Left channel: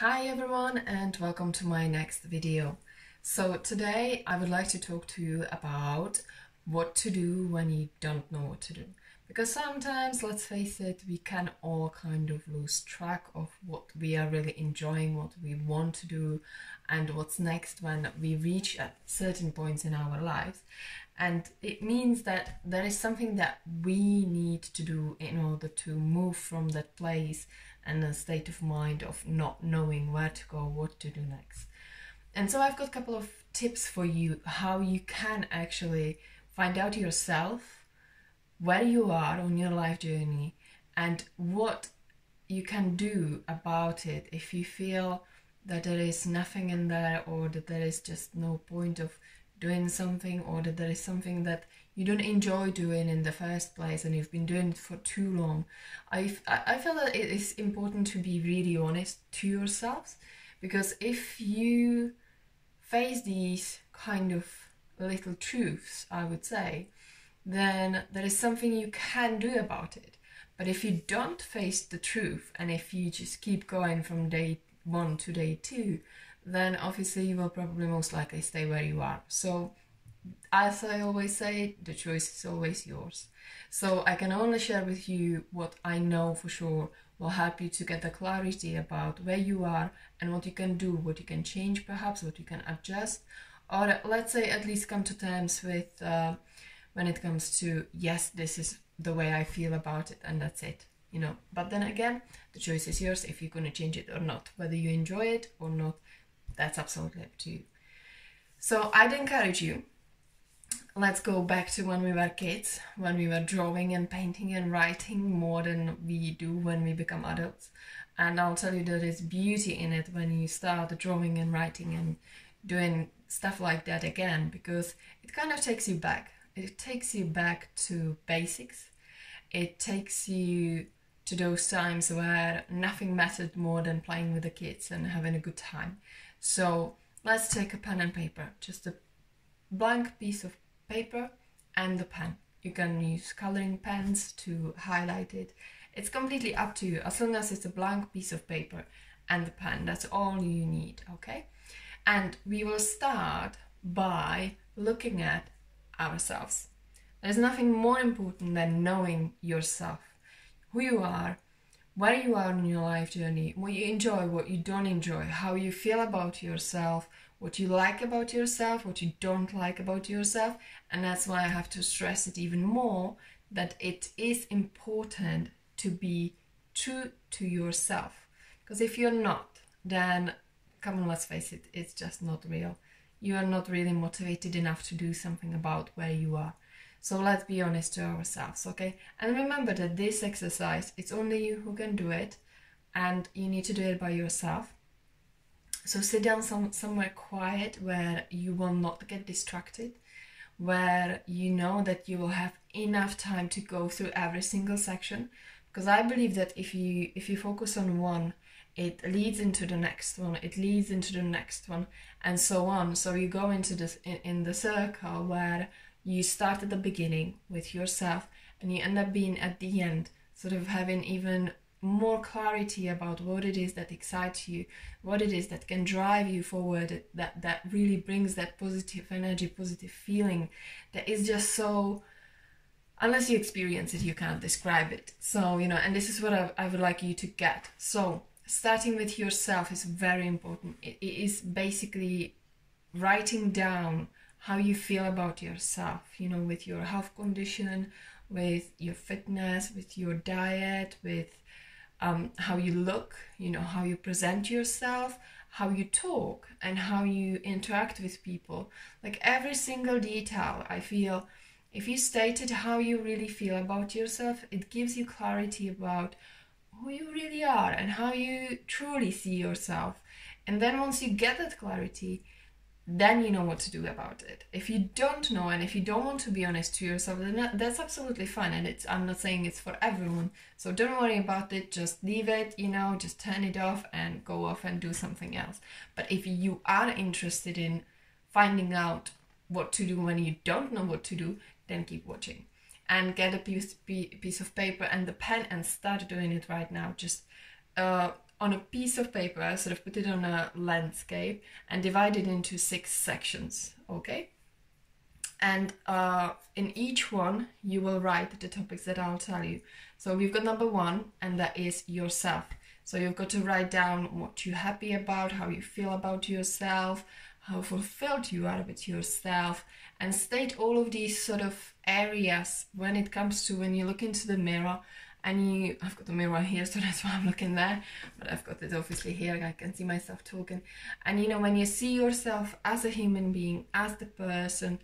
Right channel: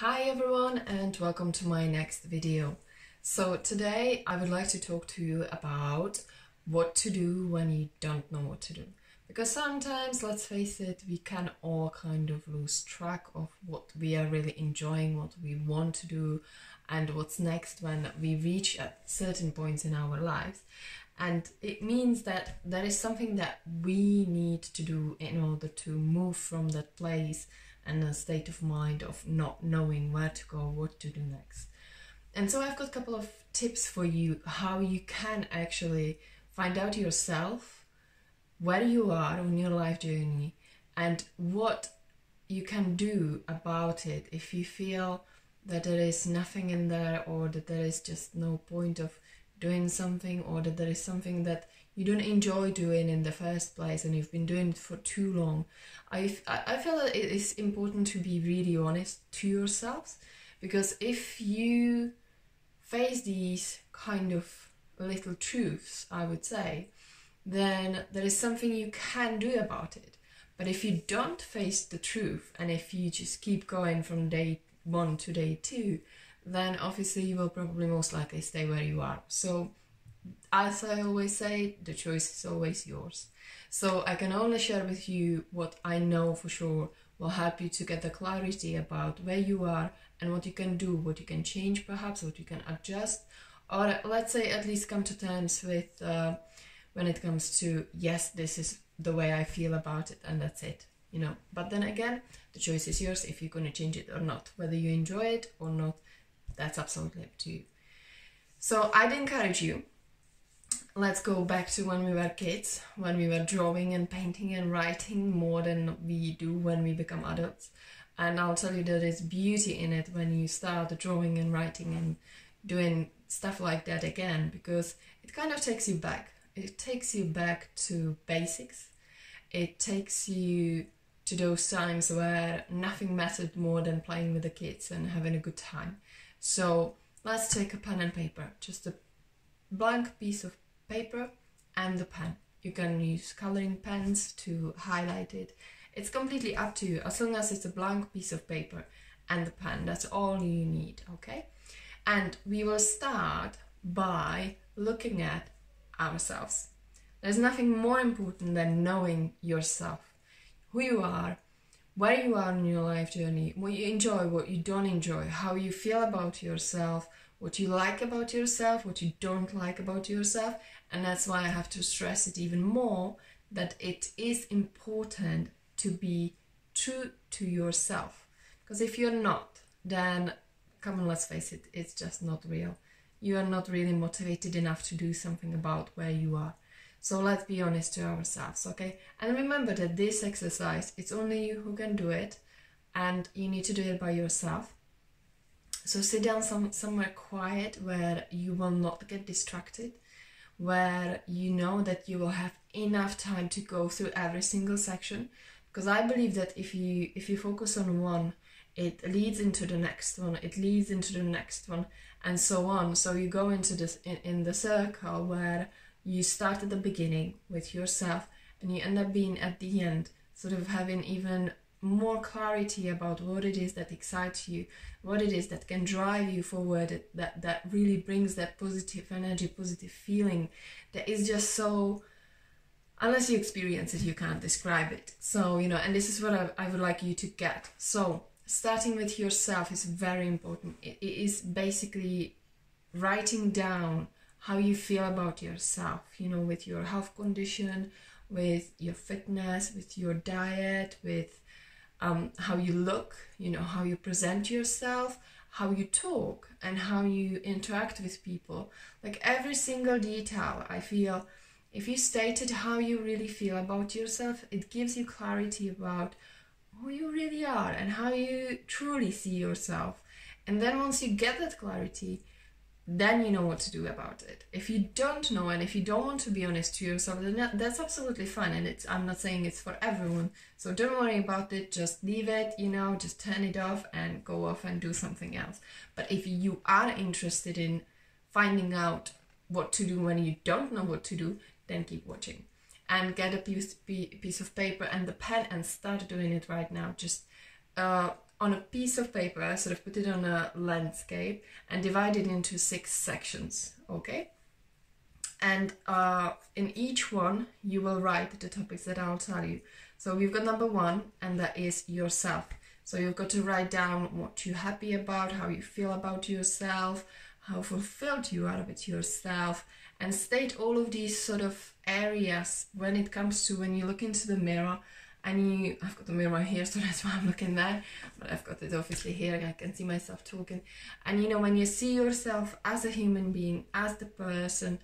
Hi everyone and welcome to my next video. So today I would like to talk to you about what to do when you don't know what to do. Because sometimes, let's face it, we can all kind of lose track of what we are really enjoying, what we want to do, and what's next when we reach at certain points in our lives. And it means that there is something that we need to do in order to move from that place and a state of mind of not knowing where to go, what to do next. And so I've got a couple of tips for you how you can actually find out yourself where you are on your life journey and what you can do about it if you feel that there is nothing in there, or that there is just no point of doing something, or that there is something that you don't enjoy doing in the first place and you've been doing it for too long. I feel that it is important to be really honest to yourselves, because if you face these kind of little truths, I would say, then there is something you can do about it. But if you don't face the truth, and if you just keep going from day 1 to day 2, then obviously you will probably most likely stay where you are. So as I always say, the choice is always yours. So I can only share with you what I know for sure will help you to get the clarity about where you are and what you can do, what you can change perhaps, what you can adjust, or let's say at least come to terms with when it comes to, yes, this is the way I feel about it and that's it, you know. But then again, the choice is yours if you're going to change it or not. Whether you enjoy it or not, that's absolutely up to you. So I'd encourage you, let's go back to when we were kids, when we were drawing and painting and writing more than we do when we become adults. And I'll tell you there is beauty in it when you start drawing and writing and doing stuff like that again, because it kind of takes you back. It takes you back to basics. It takes you to those times where nothing mattered more than playing with the kids and having a good time. So let's take a pen and paper, just a blank piece of paper and the pen. You can use coloring pens to highlight it. It's completely up to you, as long as it's a blank piece of paper and the pen. That's all you need, okay? And we will start by looking at ourselves. There's nothing more important than knowing yourself, who you are, where you are in your life journey, what you enjoy, what you don't enjoy, how you feel about yourself, what you like about yourself, what you don't like about yourself. And that's why I have to stress it even more, that it is important to be true to yourself. Because if you're not, then, come on, let's face it, it's just not real. You are not really motivated enough to do something about where you are. So let's be honest to ourselves, okay? And remember that this exercise, it's only you who can do it, and you need to do it by yourself. So sit down somewhere quiet where you will not get distracted, where you know that you will have enough time to go through every single section. Because I believe that if you focus on one, it leads into the next one, it leads into the next one, and so on. So you go into this in the circle where you start at the beginning with yourself and you end up being at the end, sort of having even more clarity about what it is that excites you, what it is that can drive you forward, that really brings that positive energy, positive feeling that is just so, unless you experience it, you can't describe it. So, you know, and this is what I would like you to get. So starting with yourself is very important. It is basically writing down how you feel about yourself, you know, with your health condition, with your fitness, with your diet, with how you look, you know, how you present yourself, how you talk, and how you interact with people. Like every single detail, I feel, if you stated how you really feel about yourself, it gives you clarity about who you really are and how you truly see yourself. And then once you get that clarity, then you know what to do about it. If you don't know, and if you don't want to be honest to yourself, then that's absolutely fine. And I'm not saying it's for everyone, so don't worry about it. Just leave it, you know, just turn it off and go off and do something else. But if you are interested in finding out what to do when you don't know what to do, then keep watching and get a piece of paper and the pen and start doing it right now. Just on a piece of paper, sort of put it on a landscape and divide it into 6 sections, okay? And in each one, you will write the topics that I'll tell you. So we've got number 1, and that is yourself. So you've got to write down what you're happy about, how you feel about yourself, how fulfilled you are with yourself, and state all of these sort of areas when it comes to when you look into the mirror and I've got the mirror here, so that's why I'm looking there, but I've got it obviously here, I can see myself talking. And you know, when you see yourself as a human being, as the person,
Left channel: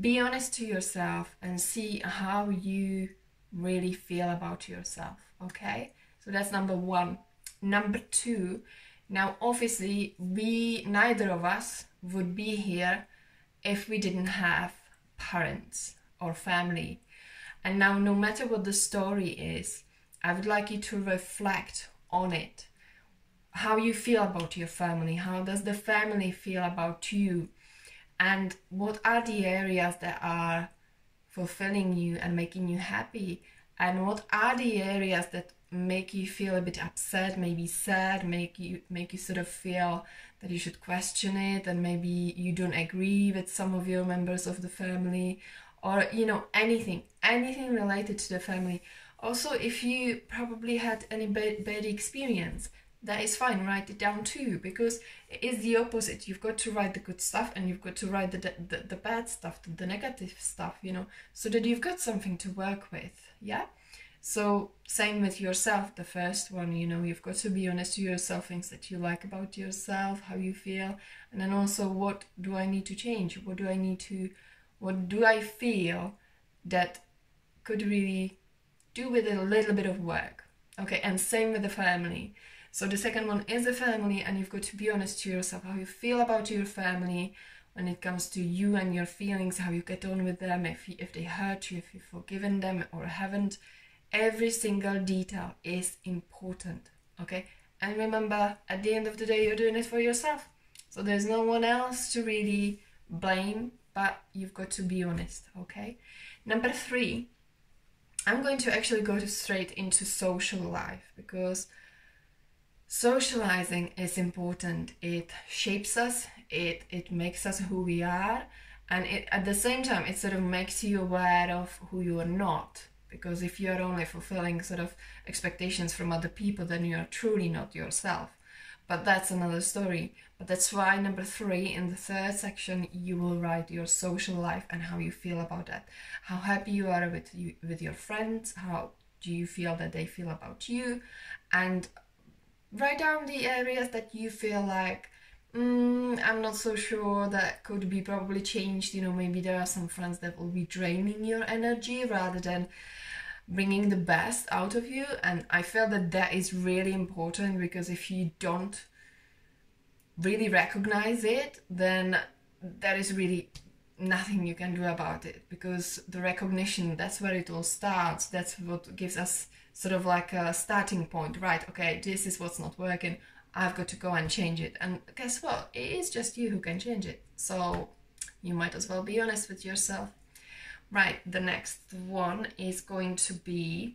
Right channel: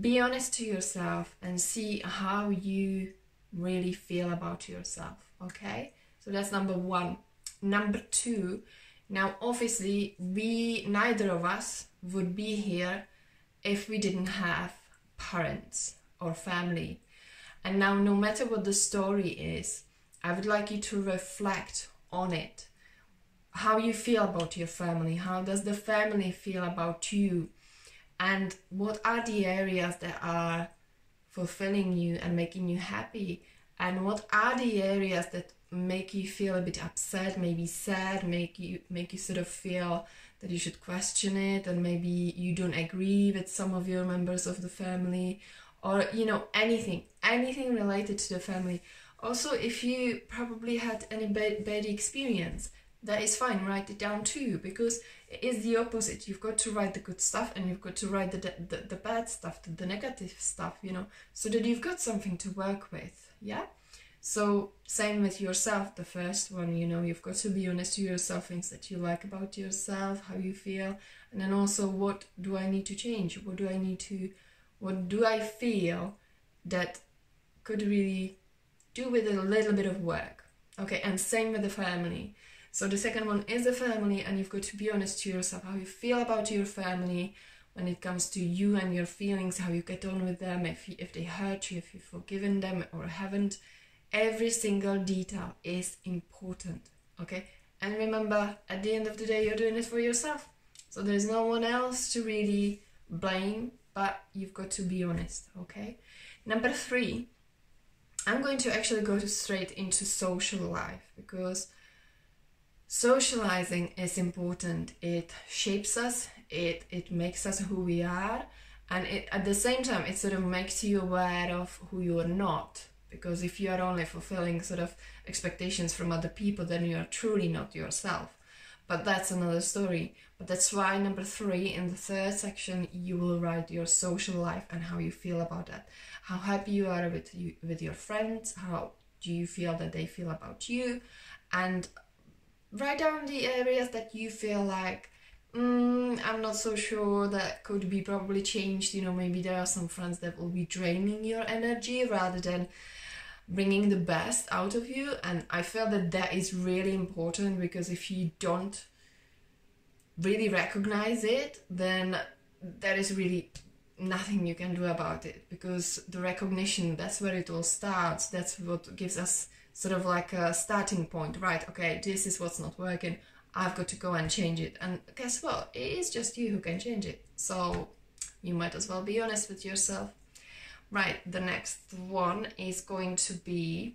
be honest to yourself and see how you really feel about yourself, okay? So that's number 1. Number 2, now obviously neither of us would be here if we didn't have parents or family. And now, no matter what the story is, I would like you to reflect on it. How you feel about your family, how does the family feel about you, and what are the areas that are fulfilling you and making you happy, and what are the areas that make you feel a bit upset, maybe sad, make you sort of feel that you should question it, and maybe you don't agree with some of your members of the family, or you know, anything related to the family. Also, if you probably had any bad experience, that is fine, write it down too, because it is the opposite. You've got to write the good stuff and you've got to write the bad stuff, the negative stuff, you know, so that you've got something to work with, yeah? So same with yourself, the first one, you know, you've got to be honest to yourself, things that you like about yourself, how you feel, and then also what do I need to change? What do I feel that could really do with a little bit of work? Okay, and same with the family. So the second one is the family, and you've got to be honest to yourself, how you feel about your family when it comes to you and your feelings, how you get on with them, if they hurt you, if you've forgiven them or haven't. Every single detail is important, okay? And remember, at the end of the day, you're doing it for yourself. So there's no one else to really blame, but you've got to be honest, okay? Number 3, I'm going to actually go straight into social life, because socializing is important. It shapes us, it makes us who we are, and at the same time it sort of makes you aware of who you are not, because if you are only fulfilling sort of expectations from other people, then you are truly not yourself. But that's another story. But that's why number 3, in the 3rd section, you will write your social life and how you feel about that, how happy you are with your friends, how do you feel that they feel about you, and write down the areas that you feel like, I'm not so sure, that could be probably changed. You know, maybe there are some friends that will be draining your energy rather than bringing the best out of you. And I feel that that is really important, because if you don't really recognize it, then there is really nothing you can do about it, because the recognition, that's where it all starts. That's what gives us sort of like a starting point, right? Okay, this is what's not working, I've got to go and change it. And guess what? It is just you who can change it. So you might as well be honest with yourself. Right, the next one is going to be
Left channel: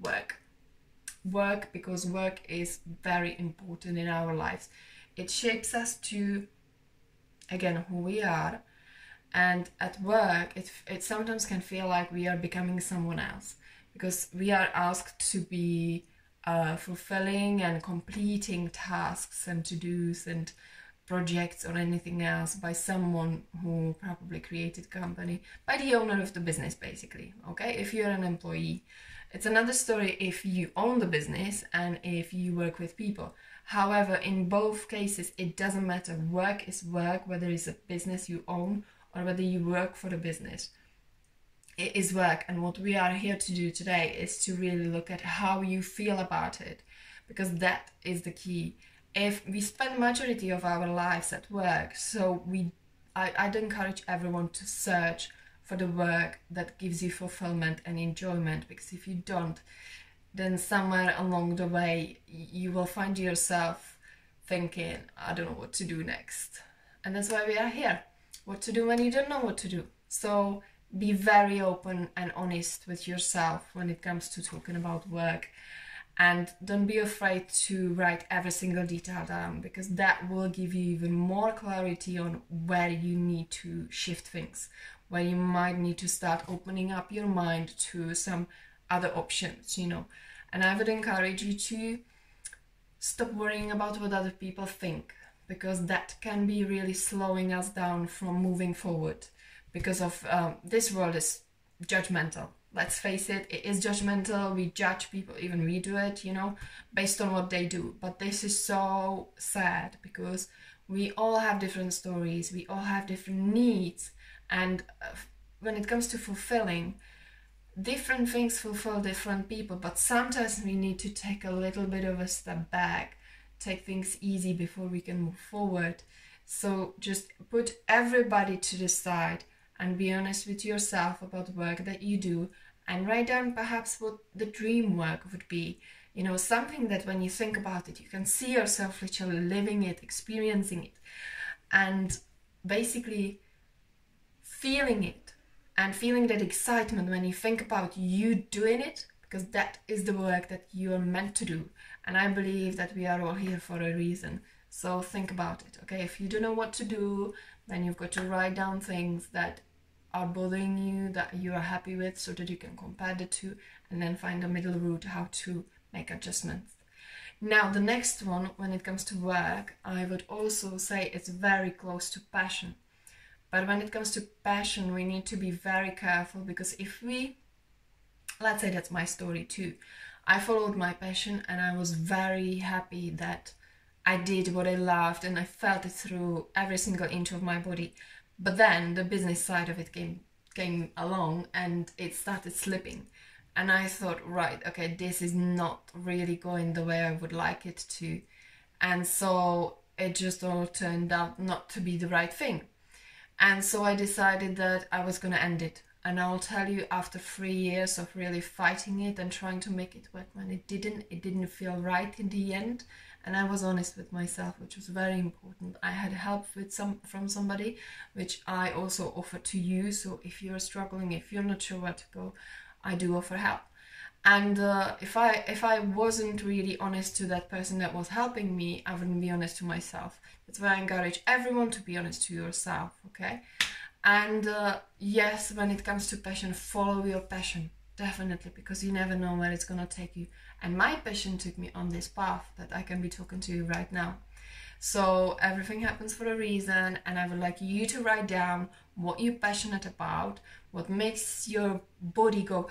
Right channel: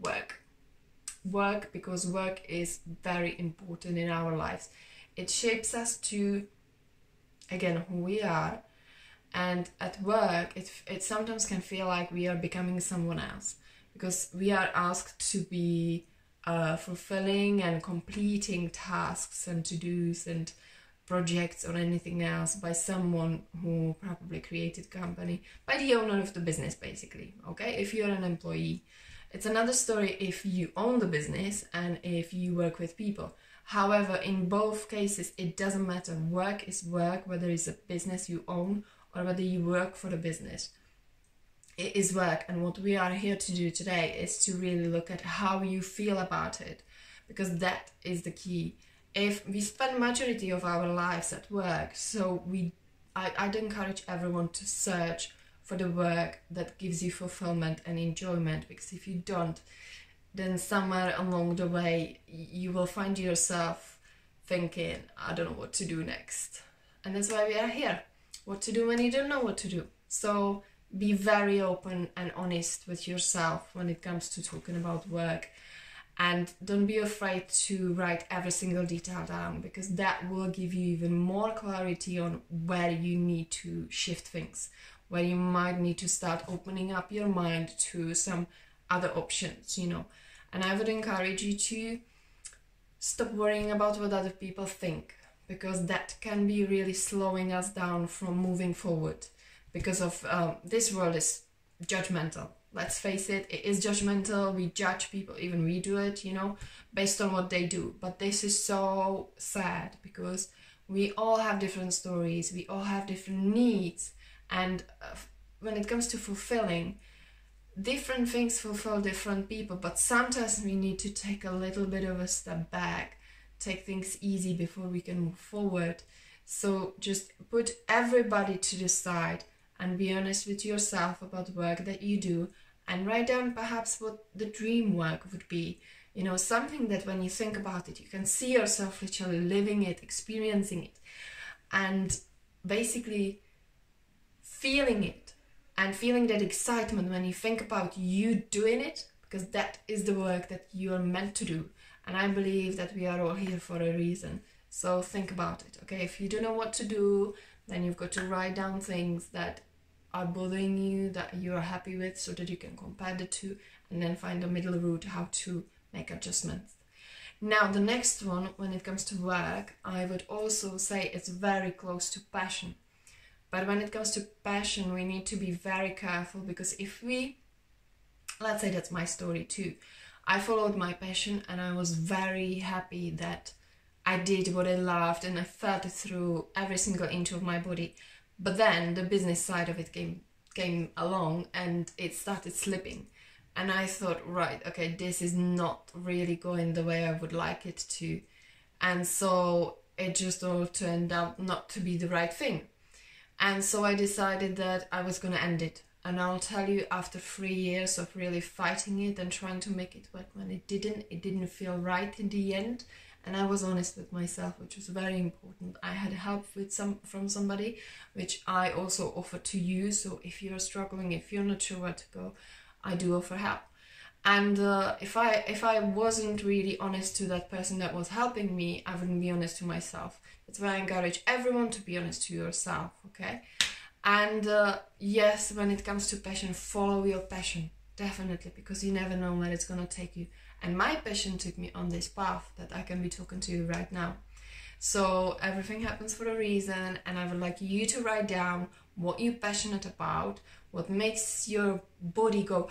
work. Work, because work is very important in our lives. It shapes us to, again, who we are. And at work, it sometimes can feel like we are becoming someone else, because we are asked to be fulfilling and completing tasks and to-dos and projects or anything else by someone who probably created company, by the owner of the business, basically, okay? If you're an employee. It's another story if you own the business and if you work with people. However, in both cases, it doesn't matter. Work is work, whether it's a business you own or whether you work for the business. It is work, and what we are here to do today is to really look at how you feel about it, because that is the key. If we spend majority of our lives at work, so I'd encourage everyone to search for the work that gives you fulfillment and enjoyment, because if you don't, then somewhere along the way you will find yourself thinking, I don't know what to do next. And that's why we are here. What to do when you don't know what to do. So be very open and honest with yourself when it comes to talking about work. And don't be afraid to write every single detail down, because that will give you even more clarity on where you need to shift things, where you might need to start opening up your mind to some other options, you know. And I would encourage you to stop worrying about what other people think, because that can be really slowing us down from moving forward, because of this world is judgmental. Let's face it, it is judgmental. We judge people, even we do it, you know, based on what they do. But this is so sad, because we all have different stories, we all have different needs, and when it comes to fulfilling, different things fulfill different people. But sometimes we need to take a little bit of a step back, take things easy before we can move forward. So just put everybody to the side and be honest with yourself about the work that you do, and write down perhaps what the dream work would be. You know, something that when you think about it, you can see yourself literally living it, experiencing it, and basically feeling it, and feeling that excitement when you think about you doing it, because that is the work that you are meant to do. And I believe that we are all here for a reason. So think about it, okay? If you don't know what to do, then you've got to write down things that are bothering you, that you are happy with, so that you can compare the two and then find a middle route how to make adjustments. Now, the next one, when it comes to work, I would also say it's very close to passion. But when it comes to passion, we need to be very careful, because if we, let's say that's my story too. I followed my passion and I was very happy that I did what I loved and I felt it through every single inch of my body. But then the business side of it came along and it started slipping. And I thought, right, okay, this is not really going the way I would like it to. And so it just all turned out not to be the right thing. And so I decided that I was going to end it. And I'll tell you, after 3 years of really fighting it and trying to make it work, when it didn't feel right in the end. And I was honest with myself, which was very important. I had help from somebody, which I also offer to you. So if you're struggling, if you're not sure where to go, I do offer help. And if I wasn't really honest to that person that was helping me, I wouldn't be honest to myself. That's why I encourage everyone to be honest to yourself, okay? And yes, when it comes to passion, follow your passion, definitely, because you never know where it's gonna take you. And my passion took me on this path that I can be talking to you right now. So everything happens for a reason, and I would like you to write down what you're passionate about, what makes your body go,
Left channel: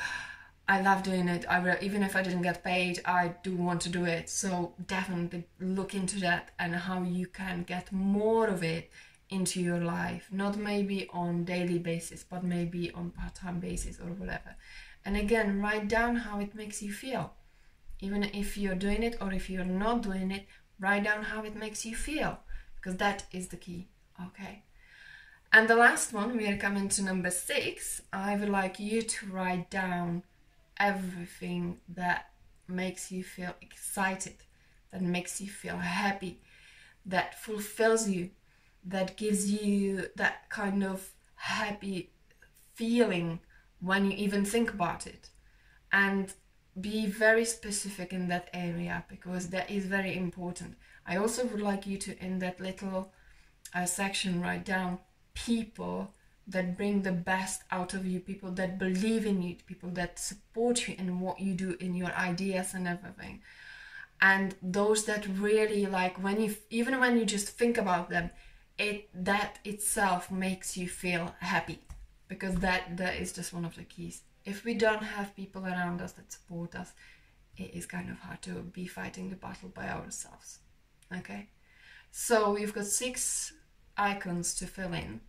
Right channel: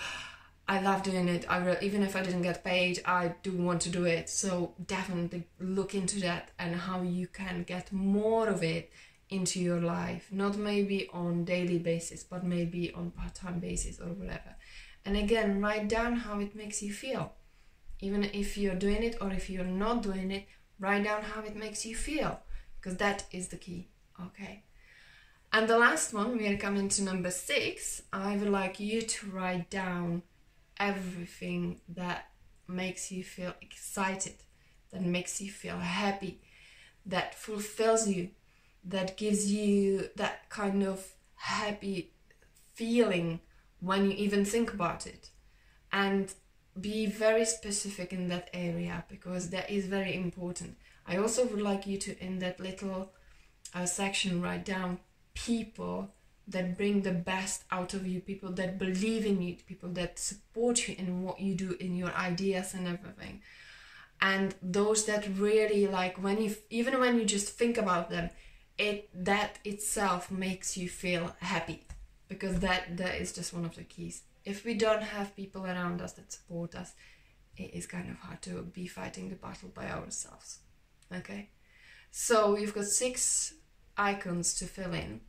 I love doing it. Even if I didn't get paid, I do want to do it. So definitely look into that and how you can get more of it into your life. Not maybe on daily basis, but maybe on part-time basis or whatever. And again, write down how it makes you feel. Even if you're doing it or if you're not doing it, write down how it makes you feel, because that is the key, okay? And the last one, we are coming to number 6. I would like you to write down everything that makes you feel excited, that makes you feel happy, that fulfills you, that gives you that kind of happy feeling when you even think about it. And be very specific in that area, because that is very important. I also would like you to, in that little section, write down people that bring the best out of you, people that believe in you, people that support you in what you do, in your ideas and everything. And those that really, like, even when you just think about them, that itself makes you feel happy, because that is just one of the keys. If we don't have people around us that support us, it is kind of hard to be fighting the battle by ourselves, okay? So you've got 6 icons to fill in.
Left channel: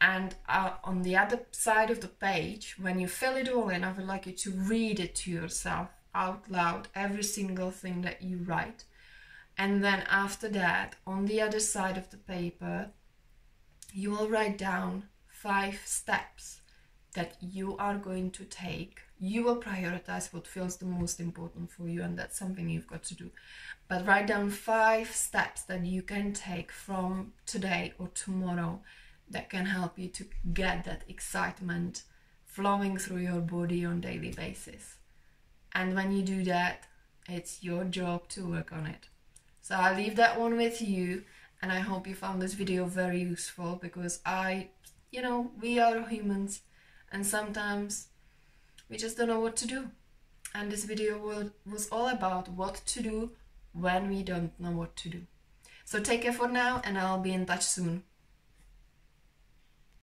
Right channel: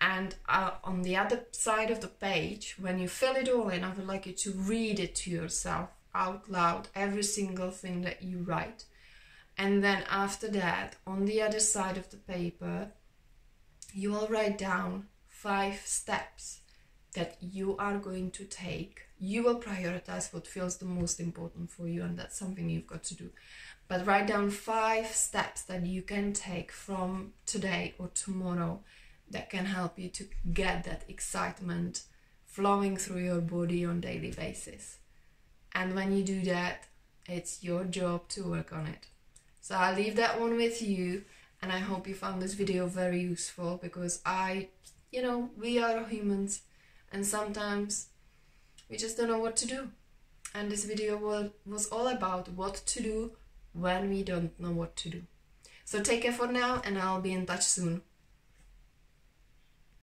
And on the other side of the page, when you fill it all in, I would like you to read it to yourself out loud, every single thing that you write. And then after that, on the other side of the paper, you will write down 5 steps that you are going to take. You will prioritize what feels the most important for you, and that's something you've got to do. But write down 5 steps that you can take from today or tomorrow that can help you to get that excitement flowing through your body on a daily basis. And when you do that, It's your job to work on it. So I'll leave that one with you, and I hope you found this video very useful, because we are humans and sometimes we just don't know what to do. And this video was all about what to do when we don't know what to do. So take care for now, and I'll be in touch soon.